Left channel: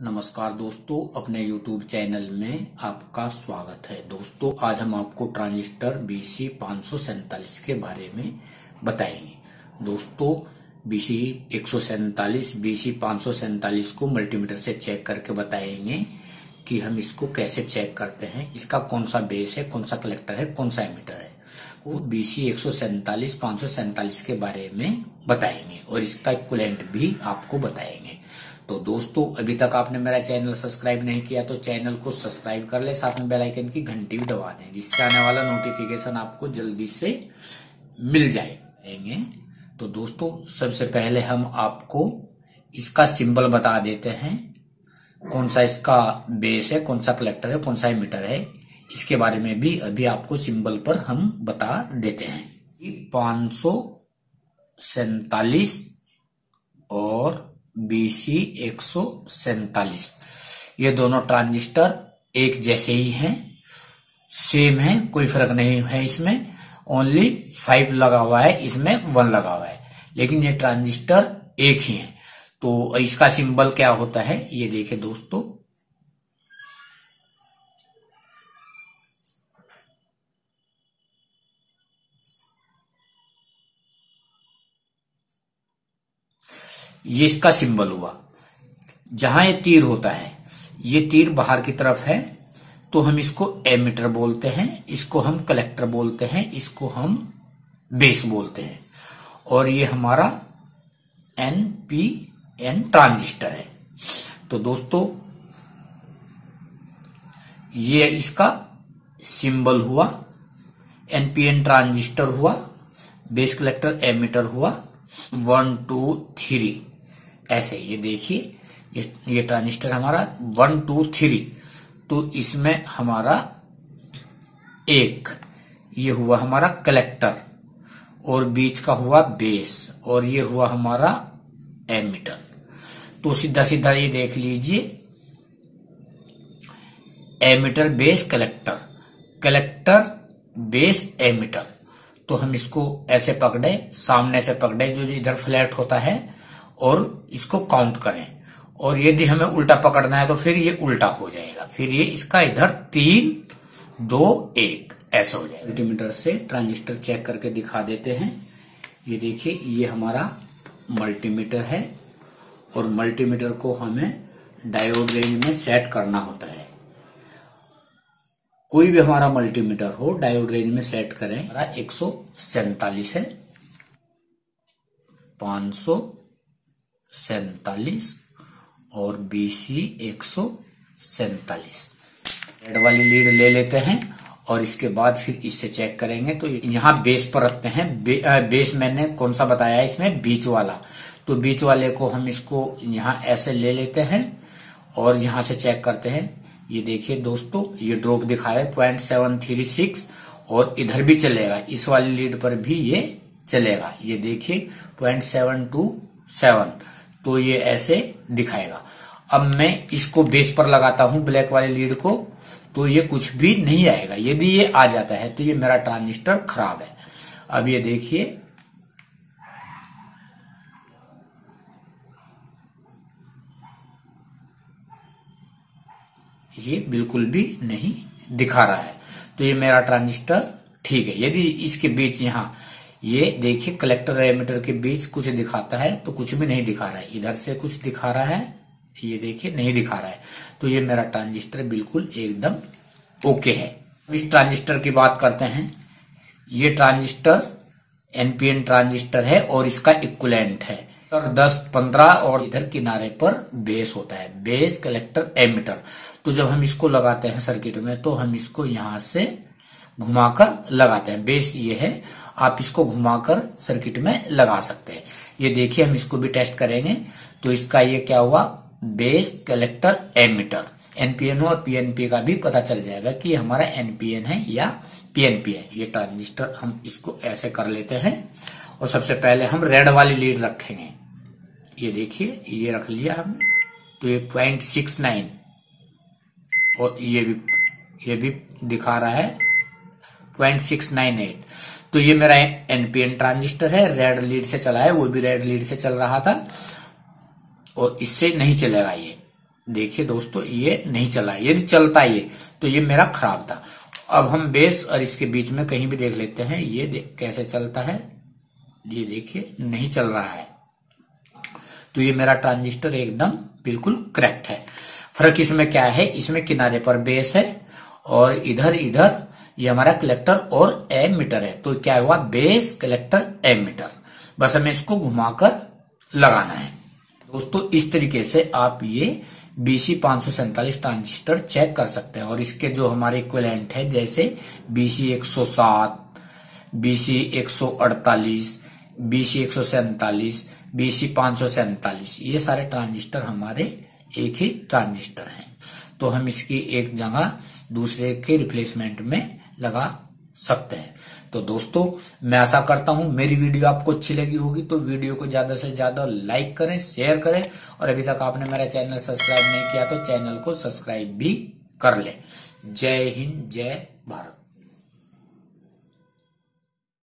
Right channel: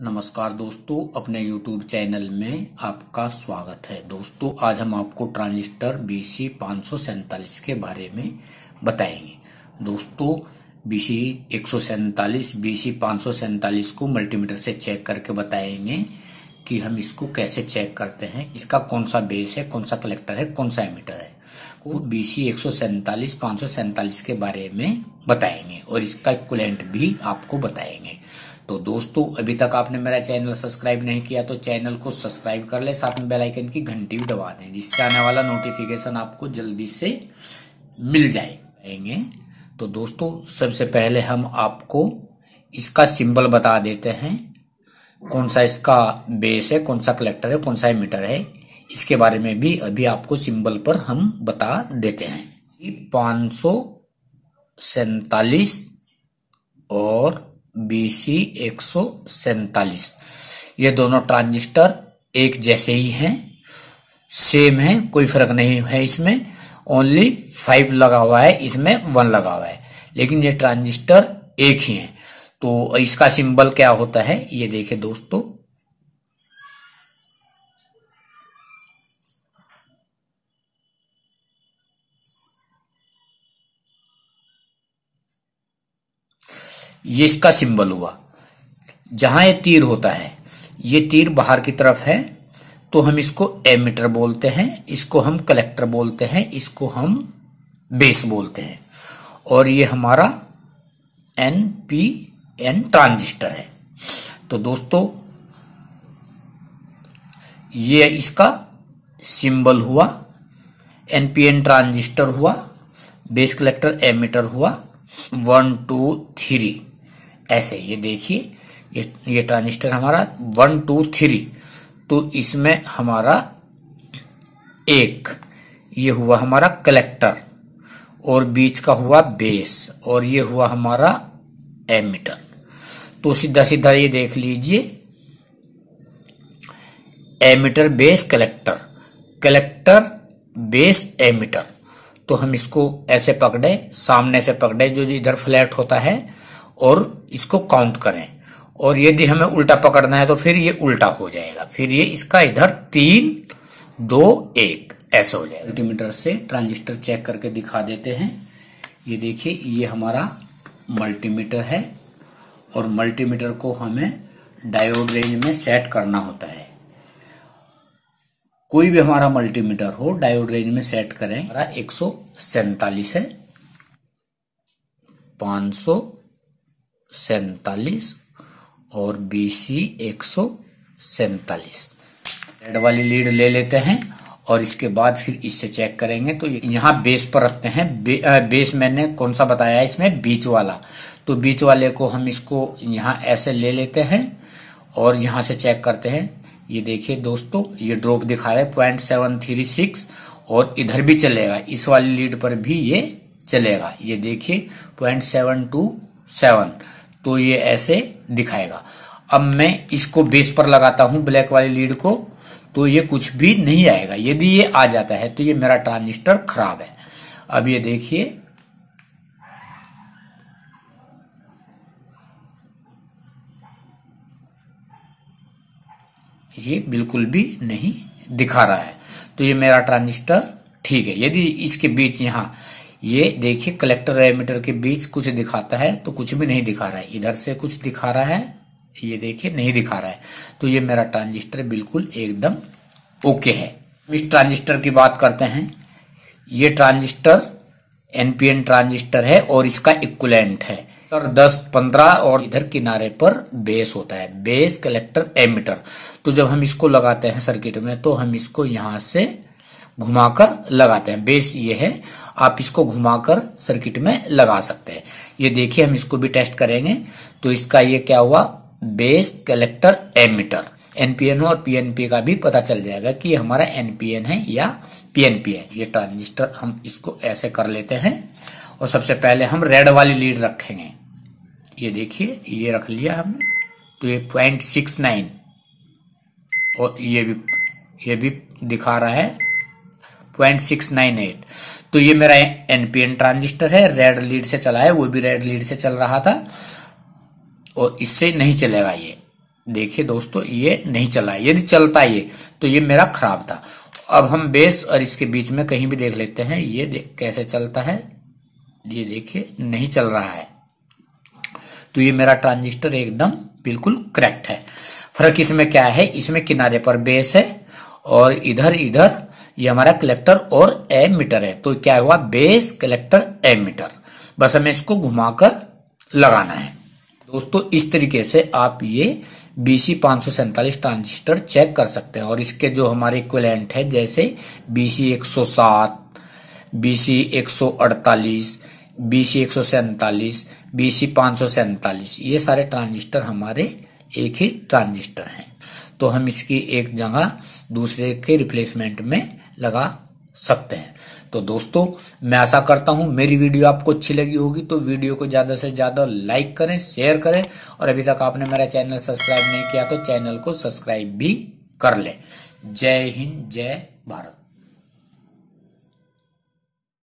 नमस्कार दोस्तों, अपने YouTube चैनल में आपका स्वागत है। दोस्तों, आज हम आपको ट्रांजिस्टर BC 547 के बारे में बताएंगे। दोस्तों, BC 147 BC 547 को मल्टीमीटर से चेक करके बताएंगे कि हम इसको कैसे चेक करते हैं, इसका कौन सा बेस है, कौन सा कलेक्टर है, कौन सा एमीटर है। वो BC 147 547 के बारे में बताएंगे और इसका इक्विवेलेंट भी आपको बताएंगे। तो दोस्तों, अभी तक आपने मेरा चैनल सब्सक्राइब नहीं किया तो चैनल को सब्सक्राइब कर ले, साथ में बेल आइकन की घंटी भी दबा दें, जिससे आने वाला नोटिफिकेशन आपको जल्दी से मिल जाएंगे। तो दोस्तों, सबसे पहले हम आपको इसका सिंबल बता देते हैं, कौन सा इसका बेस है, कौन सा कलेक्टर है, कौन सा एमीटर है। इसके बारे में भी अभी आपको सिंबल पर हम बता देते हैं। 547 और BC 147 ये दोनों ट्रांजिस्टर एक जैसे ही हैं, सेम है, कोई फर्क नहीं है इसमें। ओनली 5 लगा हुआ है, इसमें 1 लगा हुआ है, लेकिन ये ट्रांजिस्टर एक ही है। तो इसका सिंबल क्या होता है ये देखिए दोस्तों। ये इसका सिंबल हुआ। जहां ये तीर होता है, ये तीर बाहर की तरफ है, तो हम इसको एमीटर बोलते हैं, इसको हम कलेक्टर बोलते हैं, इसको हम बेस बोलते हैं। और ये हमारा NPN ट्रांजिस्टर है। तो दोस्तों, ये इसका सिंबल हुआ, NPN ट्रांजिस्टर हुआ, बेस कलेक्टर एमीटर हुआ। 1 2 3 ऐसे ये देखिए, ये ट्रांजिस्टर हमारा 1 2 3। तो इसमें हमारा एक ये हुआ हमारा कलेक्टर, और बीच का हुआ बेस, और ये हुआ हमारा एमीटर। तो सीधा सीधा ये देख लीजिए, emitter base collector, collector base emitter. तो हम इसको ऐसे पकड़े, सामने से पकड़े, जो इधर फ्लैट होता है, और इसको काउंट करें। और यदि हमें उल्टा पकड़ना है तो फिर ये उल्टा हो जाएगा, फिर ये इसका इधर 3 2 1 ऐसे हो जाएगा। मल्टीमीटर से ट्रांजिस्टर चेक करके दिखा देते हैं। ये देखिए, ये हमारा मल्टीमीटर है, और मल्टीमीटर को हमें डायोड रेंज में सेट करना होता है। कोई भी हमारा मल्टीमीटर हो, डायोड रेंज में सेट करें। हमारा 147 है, 547 और BC 147। रेड वाली लीड ले लेते हैं और इसके बाद फिर इससे चेक करेंगे। तो यहाँ बेस पर रखते हैं। बेस मैंने कौन सा बताया है इसमें, बीच वाला। तो बीच वाले को हम इसको यहाँ ऐसे ले लेते हैं और यहाँ से चेक करते हैं। ये देखिए दोस्तों, ये ड्रॉप दिखा रहा है 0.736, और इधर भी चलेगा, इस वाली लीड पर भी ये चलेगा। ये देखिए 0.727, तो ये ऐसे दिखाएगा। अब मैं इसको बेस पर लगाता हूं, ब्लैक वाली लीड को, तो ये कुछ भी नहीं आएगा। यदि ये आ जाता है तो ये मेरा ट्रांजिस्टर खराब है। अब ये देखिए, ये बिल्कुल भी नहीं दिखा रहा है, तो ये मेरा ट्रांजिस्टर ठीक है। यदि इसके बीच यहाँ ये देखिए कलेक्टर और एमीटर के बीच कुछ दिखाता है, तो कुछ भी नहीं दिखा रहा है। इधर से कुछ दिखा रहा है, ये देखिए नहीं दिखा रहा है, तो ये मेरा ट्रांजिस्टर बिल्कुल एकदम ओके है। इस ट्रांजिस्टर की बात करते हैं। ये ट्रांजिस्टर NPN ट्रांजिस्टर है और इसका इक्विवेलेंट है 10 15, और इधर किनारे पर बेस होता है, बेस कलेक्टर एमीटर। तो जब हम इसको लगाते हैं सर्किट में, तो हम इसको यहां से घुमाकर लगाते हैं। बेस ये है, आप इसको घुमाकर सर्किट में लगा सकते हैं। ये देखिए, हम इसको भी टेस्ट करेंगे। तो इसका ये क्या हुआ, बेस कलेक्टर एमीटर। NPN और PNP का भी पता चल जाएगा कि हमारा NPN है या PNP है। ये ट्रांजिस्टर हम इसको ऐसे कर लेते हैं, और सबसे पहले हम रेड वाली लीड रखेंगे। ये देखिए, ये रख लिया हमने, तो ये 0.69, और ये भी दिखा रहा है 0.698। तो ये मेरा NPN ट्रांजिस्टर है, रेड लीड से चला है, वो भी रेड लीड से चल रहा था, और इससे नहीं चलेगा ये। देखिए दोस्तों ये नहीं चला है। यदि चलता ये तो ये मेरा खराब था। अब हम बेस और इसके बीच में कहीं भी देख लेते हैं, ये कैसे चलता है। ये देखिए नहीं चल रहा है, तो ये मेरा ट्रांजिस्टर एकदम बिल्कुल करेक्ट है। फर्क इसमें क्या है, इसमें किनारे पर बेस है और इधर ये हमारा कलेक्टर और एमीटर है। तो क्या हुआ, बेस कलेक्टर एमीटर, बस हमें इसको घुमाकर लगाना है। दोस्तों इस तरीके से आप ये BC 547 ट्रांजिस्टर चेक कर सकते हैं। और इसके जो हमारे इक्विवेलेंट है, जैसे BC 107, BC 148, BC 147, BC 547, ये सारे ट्रांजिस्टर हमारे एक ही ट्रांजिस्टर हैं। तो हम इसकी एक जगह दूसरे के रिप्लेसमेंट में लगा सकते हैं। तो दोस्तों मैं आशा करता हूं मेरी वीडियो आपको अच्छी लगी होगी, तो वीडियो को ज्यादा से ज्यादा लाइक करें, शेयर करें, और अभी तक आपने मेरा चैनल सब्सक्राइब नहीं किया तो चैनल को सब्सक्राइब भी कर ले। जय हिंद, जय भारत।